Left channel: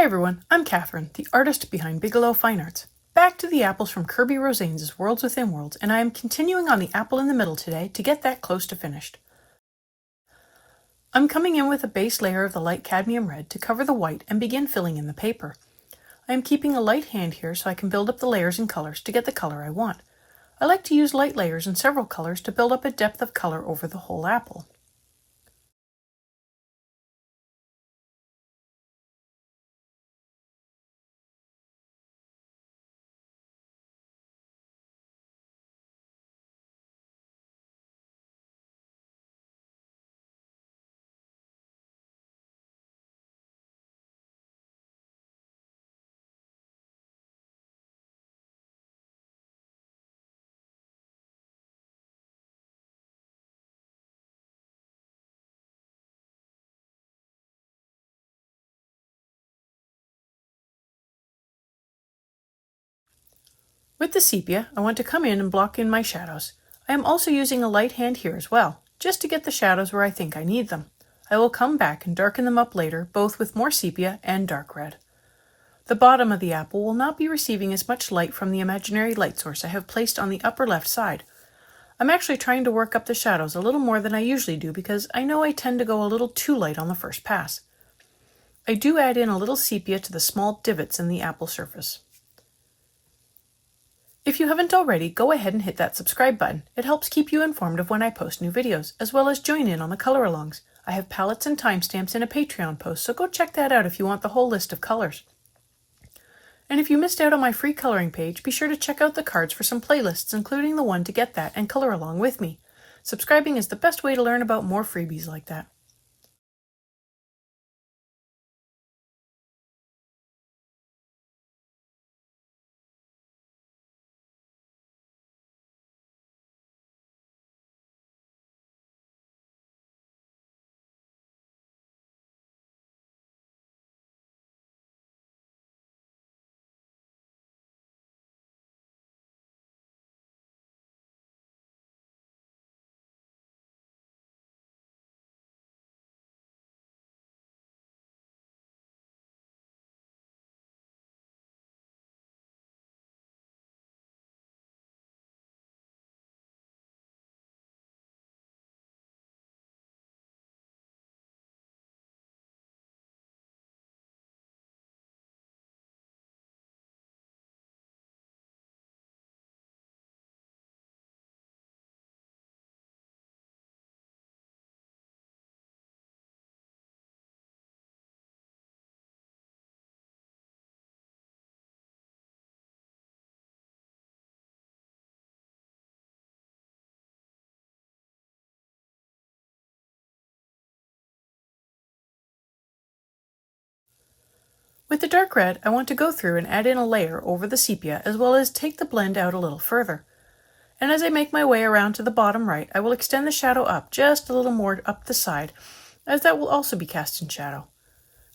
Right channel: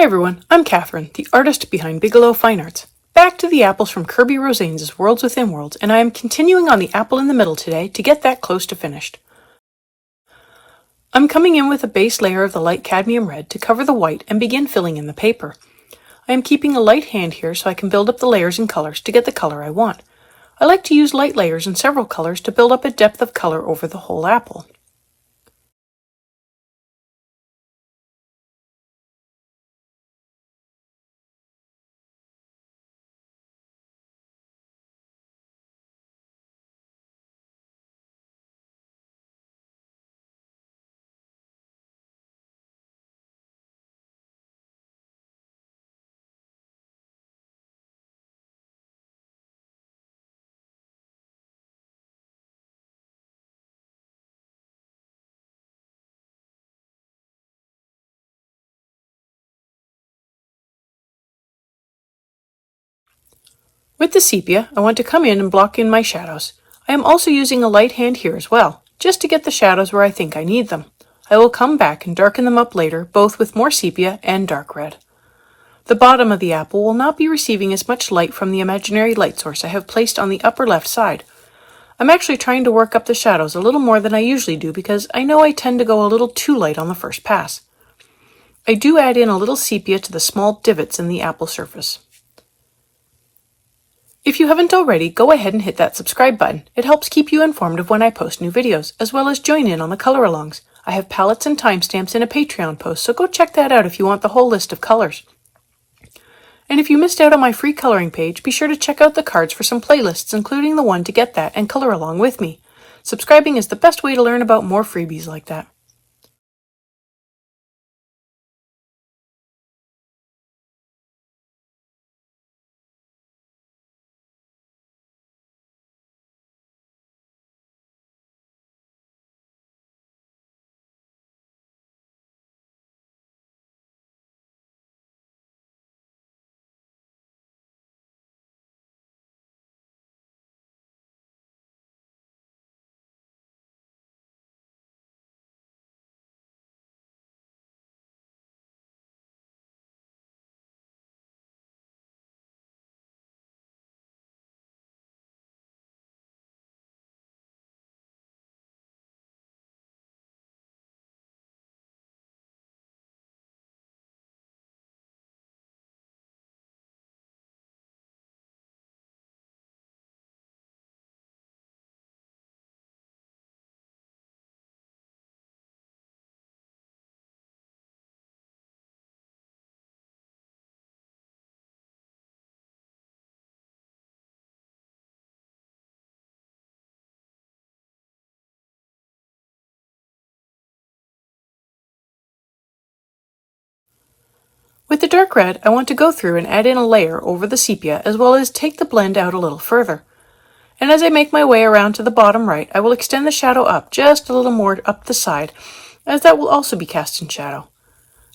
Hi everyone, I'm Catherine, the artist behind Bigelow Fine Arts. Back to the apples from Kirby Rosanes' Worlds Within Worlds, and I am continuing on the apple in the middle today to get that close to finished. I'm coming in with a base layer of the light cadmium red to cover the white and begin filling in the paper. I am keeping a light hand here so I can build up the layers and colors to get the color I want. I like to use light layers in several colors to build up a depth of color over the whole apple. With the sepia, I want to come in and block in my shadows. I am also using a light hand here as well, just to get the shadows where I think I need them. I will come back and darken them up later, both with more sepia and dark red. The bottom of the apple will not be receiving as much light from the imaginary light source I have placed on the upper left side. I'm actually trying to work up the shadows a little more than I usually do because I know I tend to go a little too light on the first pass. I do add in a little sepia to the small divots in the apple surface. If you haven't already, go ahead and hit that subscribe button. It helps keep you informed of when I post new videos, as well as join in on the color alongs. I have palettes and timestamps in a Patreon post, so go check that out if you want the whole list of colors. And if you missed out on my free coloring page, be sure to check out the cards for some playlists, including the one to get that and color along with me. Subscribing is the best way to learn about more freebies like that. With the dark red, I want to go through and add in a layer over the sepia, as well as take the blend out a little further. And as I make my way around to the bottom right, I will extend the shadow up just a little more up the side, as that will also be cast in shadow.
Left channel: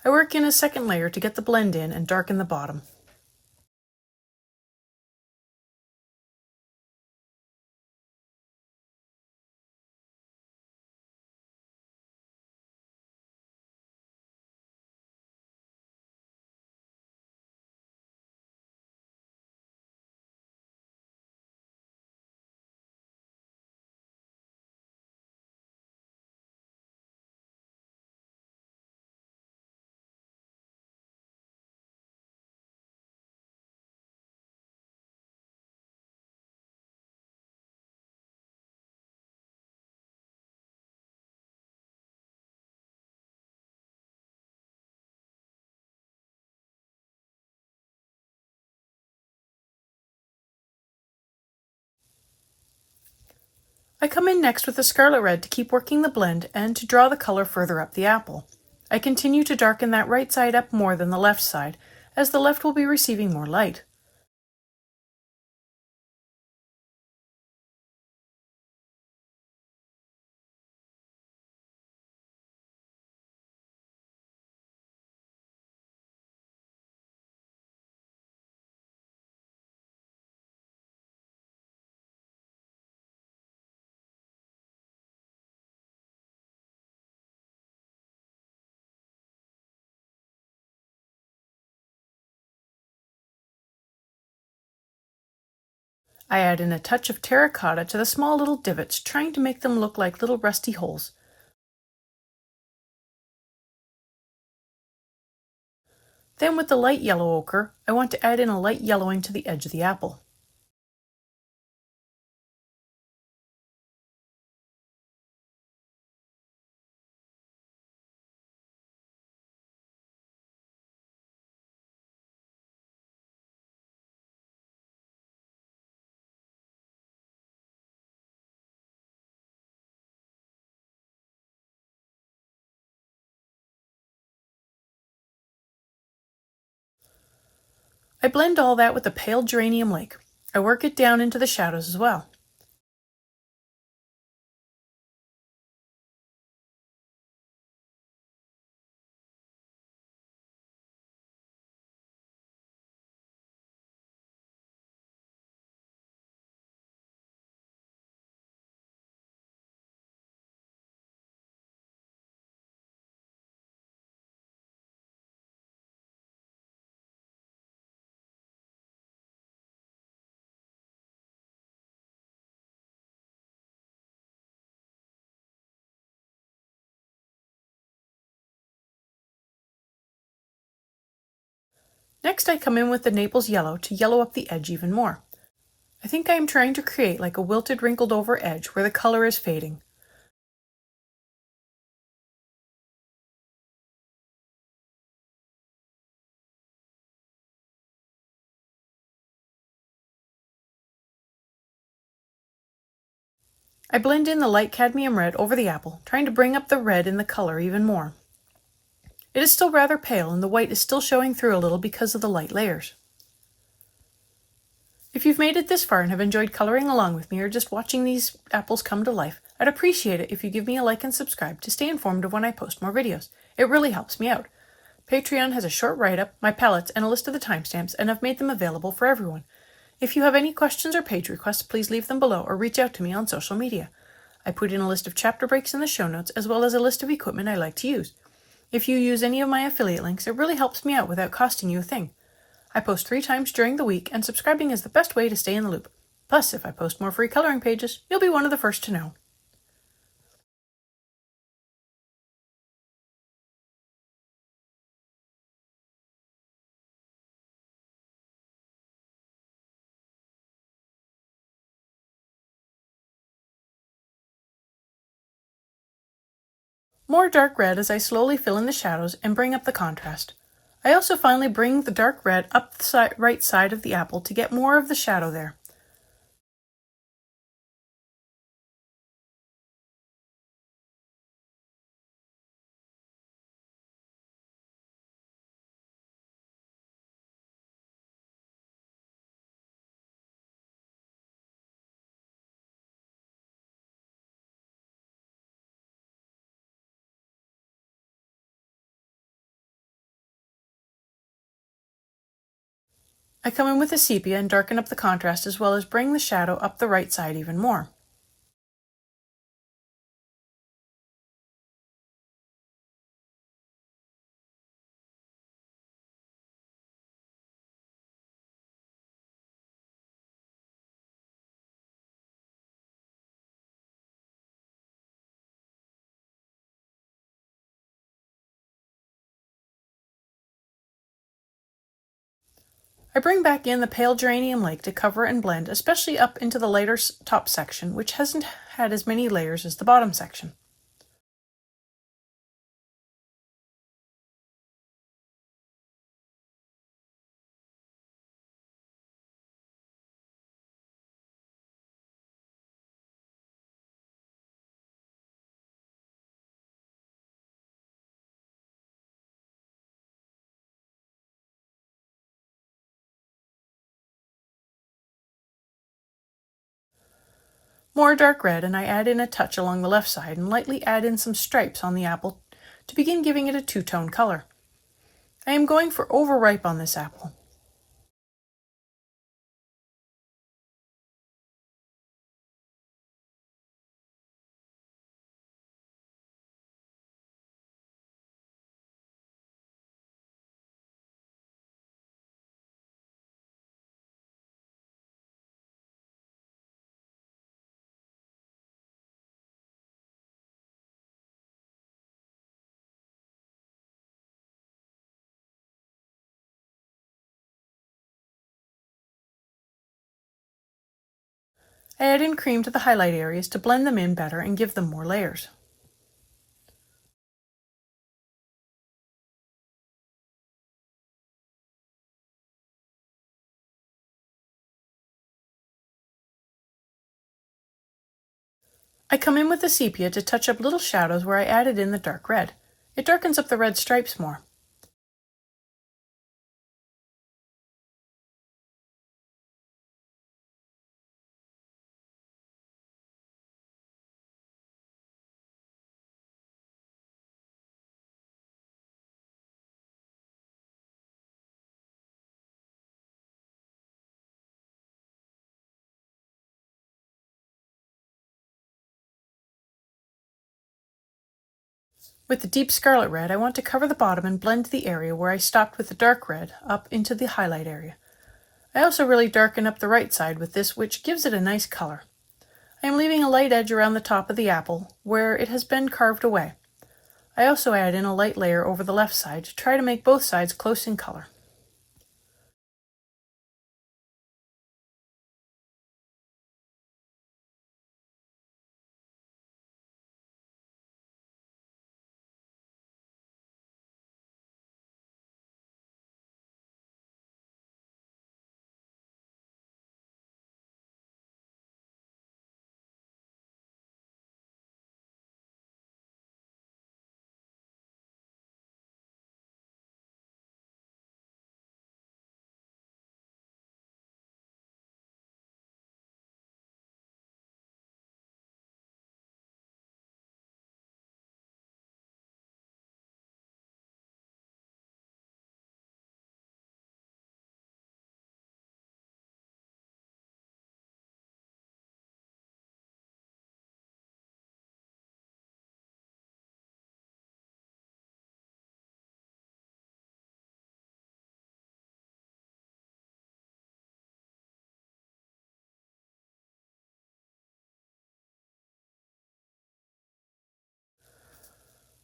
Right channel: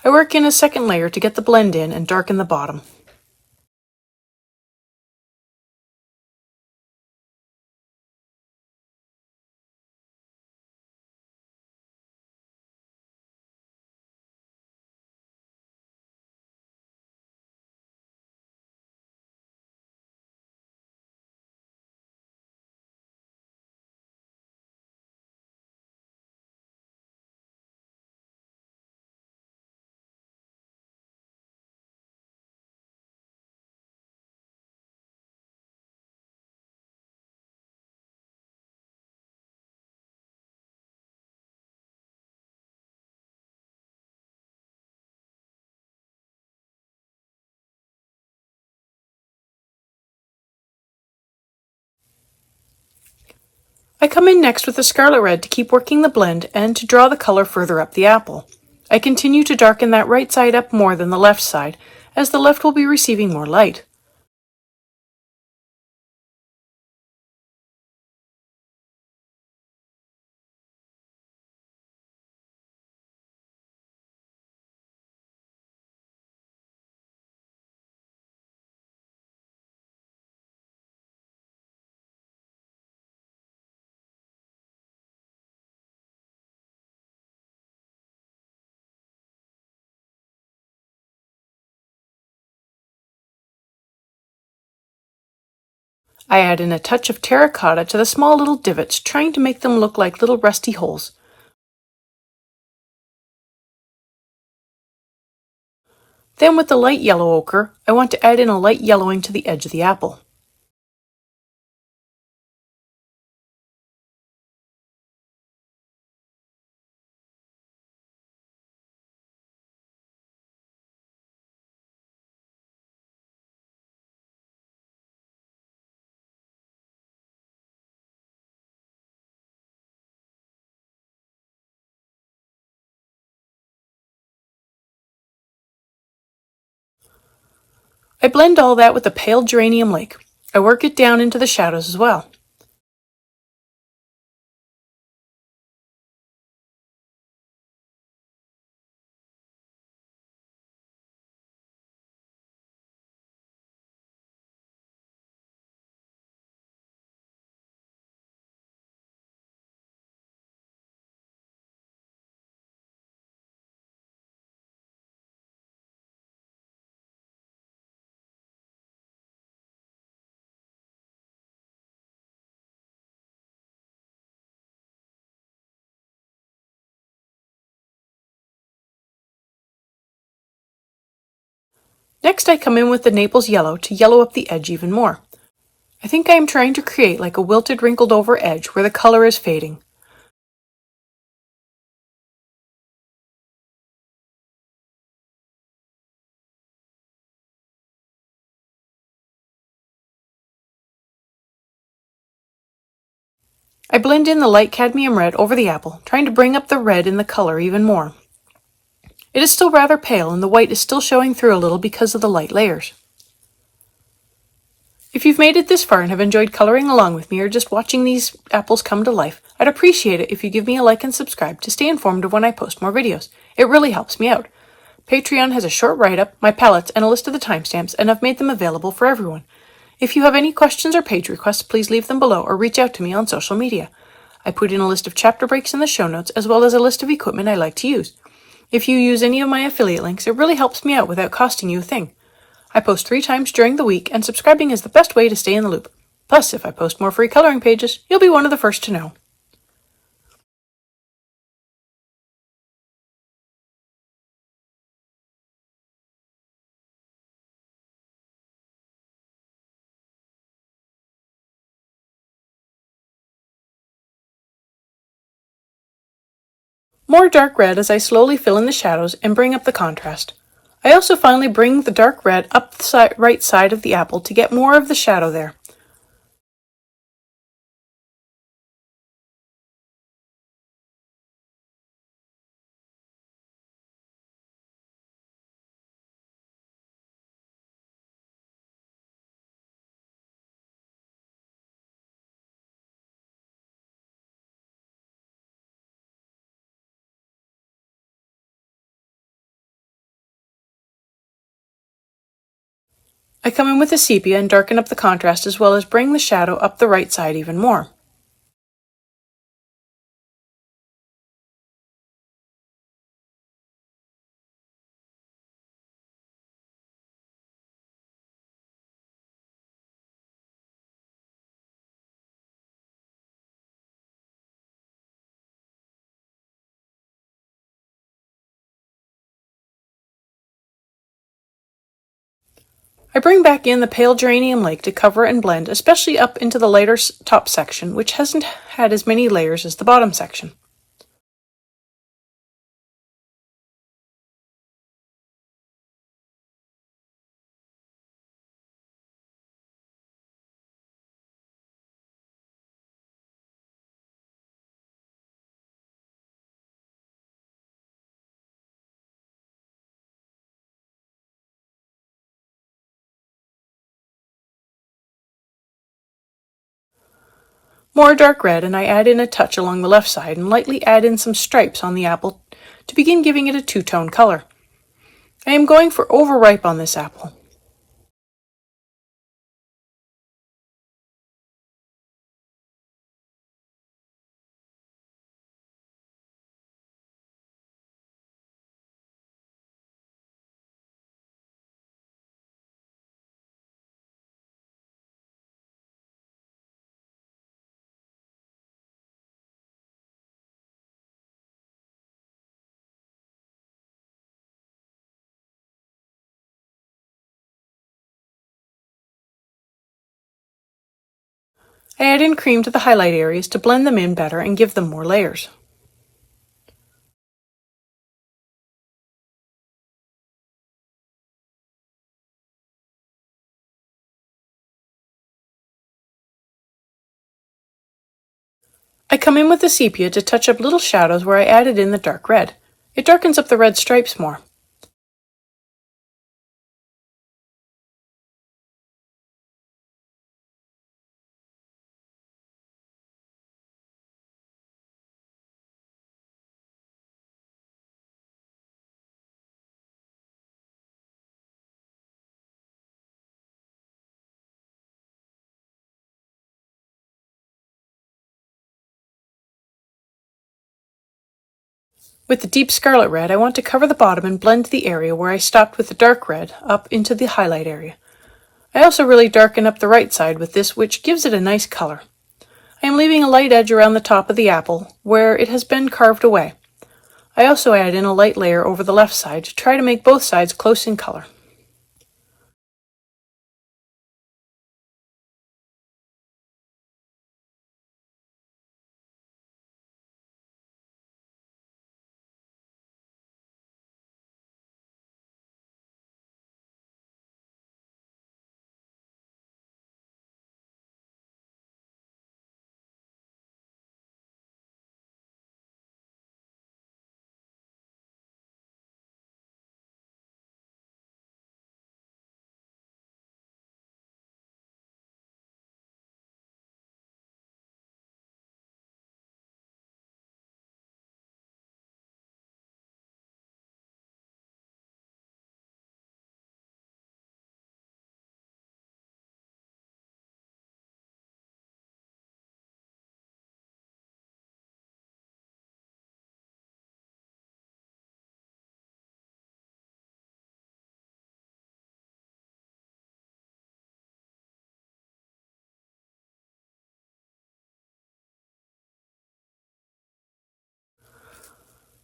I work in a second layer to get the blend in and darken the bottom. I come in next with the scarlet red to keep working the blend and to draw the color further up the apple. I continue to darken that right side up more than the left side, as the left will be receiving more light. I add in a touch of terracotta to the small little divots, trying to make them look like little rusty holes. Then with the light yellow ochre, I want to add in a light yellowing to the edge of the apple. I blend all that with the pale geranium lake. I work it down into the shadows as well. Next, I come in with the Naples yellow to yellow up the edge even more. I think I am trying to create like a wilted, wrinkled over edge where the color is fading. I blend in the light cadmium red over the apple, trying to bring up the red in the color even more. It is still rather pale and the white is still showing through a little because of the light layers. If you've made it this far and have enjoyed coloring along with me or just watching these apples come to life, I'd appreciate it if you give me a like and subscribe to stay informed of when I post more videos. It really helps me out. Patreon has a short write-up, my palettes, and a list of the timestamps, and I've made them available for everyone. If you have any questions or page requests, please leave them below or reach out to me on social media. I put in a list of chapter breaks in the show notes, as well as a list of equipment I like to use. If you use any of my affiliate links, it really helps me out without costing you a thing. I post 3 times during the week, and subscribing is the best way to stay in the loop. Plus, if I post more free coloring pages, you'll be one of the first to know. More dark red as I slowly fill in the shadows and bring up the contrast. I also finally bring the dark red up the right side of the apple to get more of the shadow there. I come in with a sepia and darken up the contrast as well as bring the shadow up the right side even more. I bring back in the pale geranium lake to cover and blend, especially up into the lighter top section, which hasn't had as many layers as the bottom section. More dark red, and I add in a touch along the left side and lightly add in some stripes on the apple to begin giving it a two-tone color. I am going for overripe on this apple. I add in cream to the highlight areas to blend them in better and give them more layers. I come in with the sepia to touch up little shadows where I added in the dark red. It darkens up the red stripes more. With the deep scarlet red, I want to cover the bottom and blend the area where I stopped with the dark red up into the highlight area. I also really darken up the right side with this, which gives it a nice color. I am leaving a light edge around the top of the apple where it has been carved away. I also add in a light layer over the left side to try to make both sides close in color.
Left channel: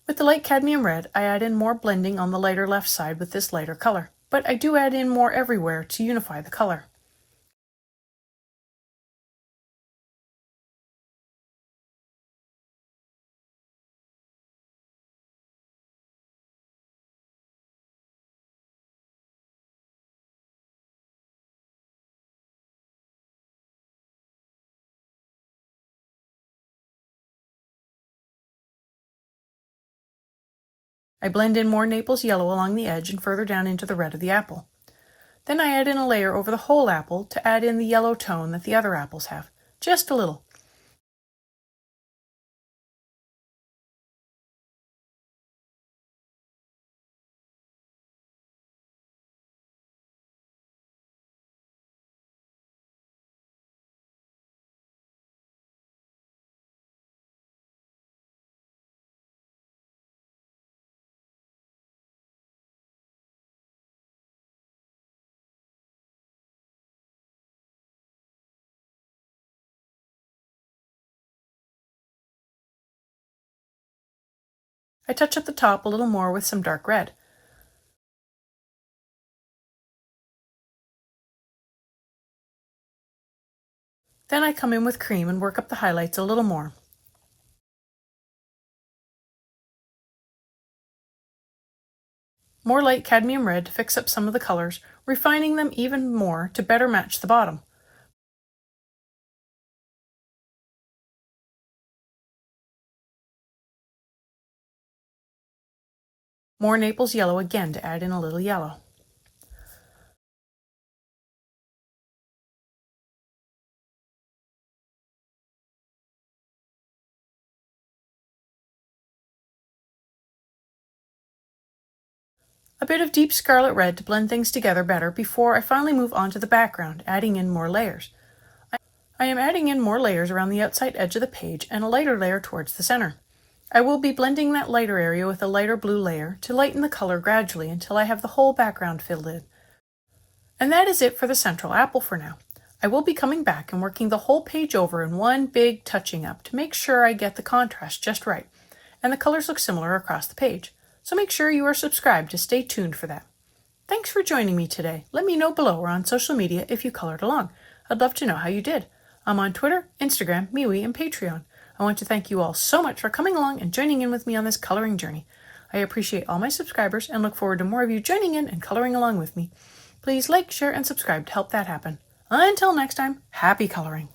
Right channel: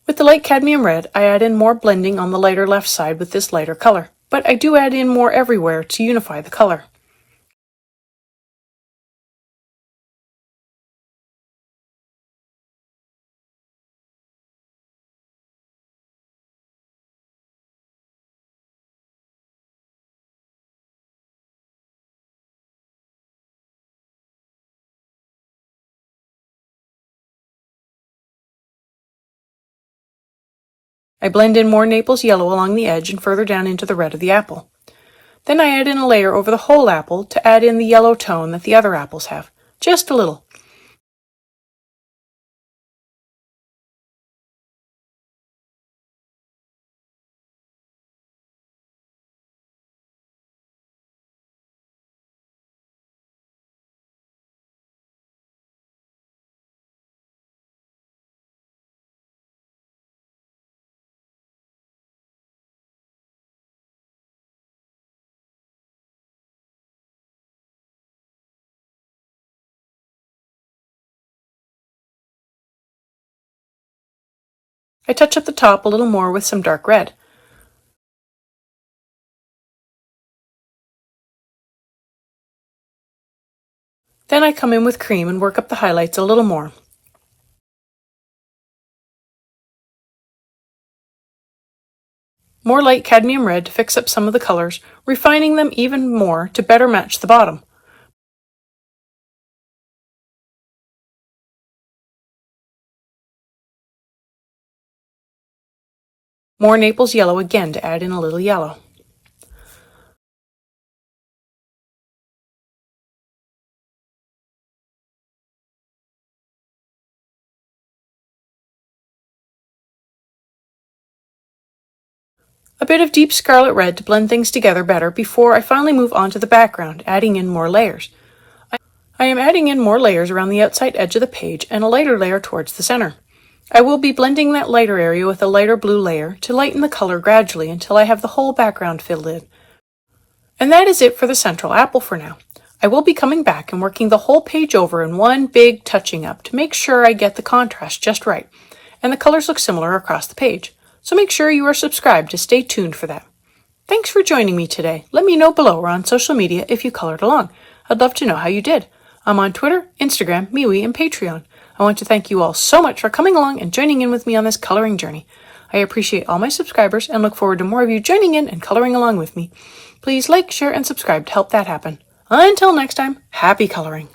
With the light cadmium red, I add in more blending on the lighter left side with this lighter color, but I do add in more everywhere to unify the color. I blend in more Naples yellow along the edge and further down into the red of the apple. Then I add in a layer over the whole apple to add in the yellow tone that the other apples have, just a little. I touch up the top a little more with some dark red. Then I come in with cream and work up the highlights a little more. More light cadmium red to fix up some of the colors, refining them even more to better match the bottom. More Naples yellow again to add in a little yellow. A bit of deep scarlet red to blend things together better before I finally move on to the background, adding in more layers. I am adding in more layers around the outside edge of the page and a lighter layer towards the center. I will be blending that lighter area with a lighter blue layer to lighten the color gradually until I have the whole background filled in. And that is it for the central apple for now. I will be coming back and working the whole page over in one big touching up to make sure I get the contrast just right, and the colors look similar across the page. So make sure you are subscribed to stay tuned for that. Thanks for joining me today. Let me know below or on social media if you colored along. I'd love to know how you did. I'm on Twitter, Instagram, MeWe, and Patreon. I want to thank you all so much for coming along and joining in with me on this coloring journey. I appreciate all my subscribers and look forward to more of you joining in and coloring along with me. Please like, share, and subscribe to help that happen. Until next time, happy coloring!